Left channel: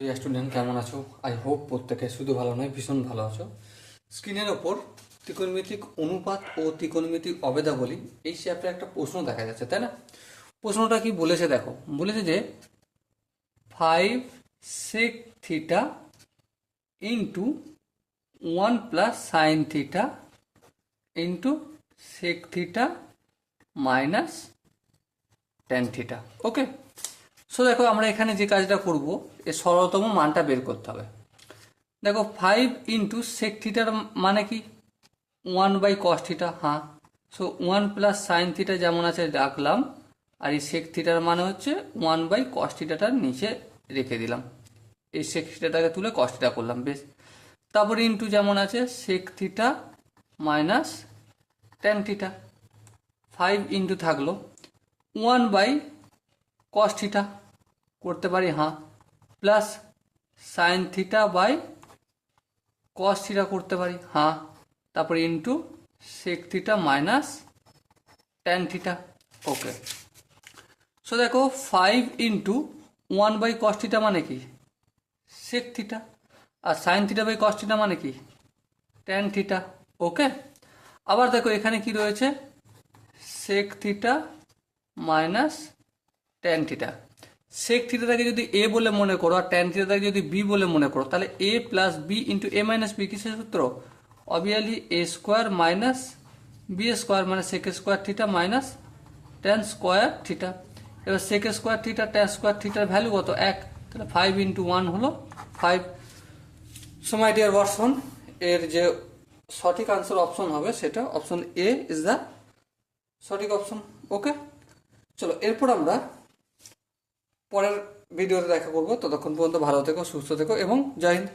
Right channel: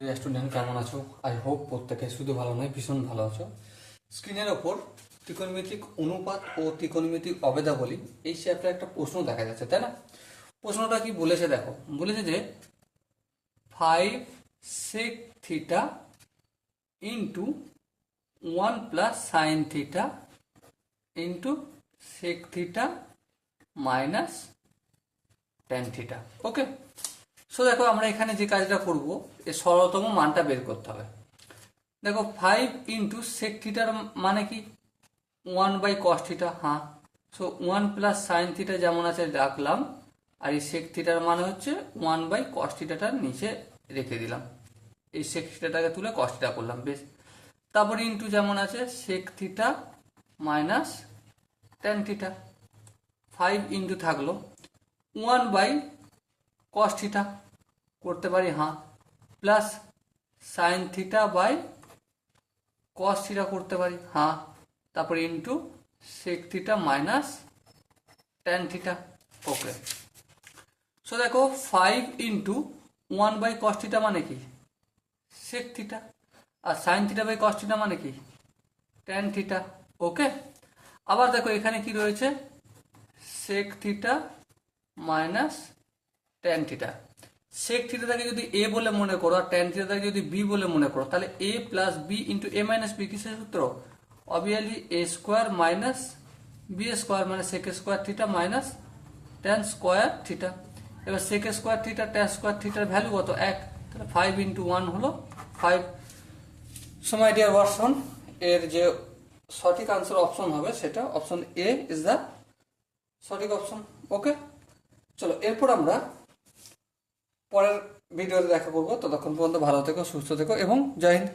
Student কেমন আছো? I hope প্রত্যেকে শুধু ভালো নয়, ভীষণ ভালো আছো। স্ক্রিনের ওপর ত্রিকোণমিতিক অনুপাত ও ত্রিকোণমিতিক অবেদাবলী এই চ্যাপ্টারে একটা প্রশ্ন দেখা যাচ্ছে, তাই না? প্রশ্নটা কি বলেছে দেখো, বলেছে যে 5 sec theta into 1 plus sine theta into sec theta minus tan theta. Okay, so দেখো আমরা এখানে যে কাজটা করব, এর সরলতম মানটা বের করতে হবে। দেখো 5 ইন্টু সেক থিটার মানে কি 1 বাই কস থিটা, হ্যাঁ। সো 1 প্লাস সাইন থিটা যেমন আছে রাখলাম, আর এই সেক থিটার মানে হচ্ছে 1 বাই কস থিটাটার নিচে রেখে দিলাম, এই সেক থিটাটাকে তুলে কস থিটা করলাম, বেশ। তারপরে ইন্টু যেমন আছে sec theta minus tan theta, 5 into থাকলো 1 বাই কস থিটা করতে পারি, হ্যাঁ, plus sine theta by cos theta করতে পারি, হ্যাঁ, তারপরে into sec theta minus tan theta. Okay, so দেখো 5 ইন্টু 1 বাই কস থিটা মানে কি সেক থিটা, আর sine theta by cos theta মানে কি ট্যান থিটা। ওকে, আবার দেখো এখানে কি রয়েছে sec theta minus tan theta. Sec থিটাটাকে যদি এ বলে মনে করো আর ট্যান থিটাটাকে যদি বি বলে মনে করো, তাহলে A plus B into A minus B কিসের সূত্র? Obviously A square minus B square, মানে sec square theta minus tan square theta. এবার sec square theta tan square থিটার ভ্যালু কত? 1, তাহলে 5 ইন্টু 1 হলো 5। সো মাই ডিয়ার ভার্সন, এর যে সঠিক আনসার অপশন হবে সেটা অপশন এ ইজ দ্য সঠিক অপশন। ওকে, চলো এরপর আমরা পরের ভিডিওতে দেখা করবো। ততক্ষণ পর্যন্ত ভালো থেকো, সুস্থ থেকো এবং জয় হিন্দ।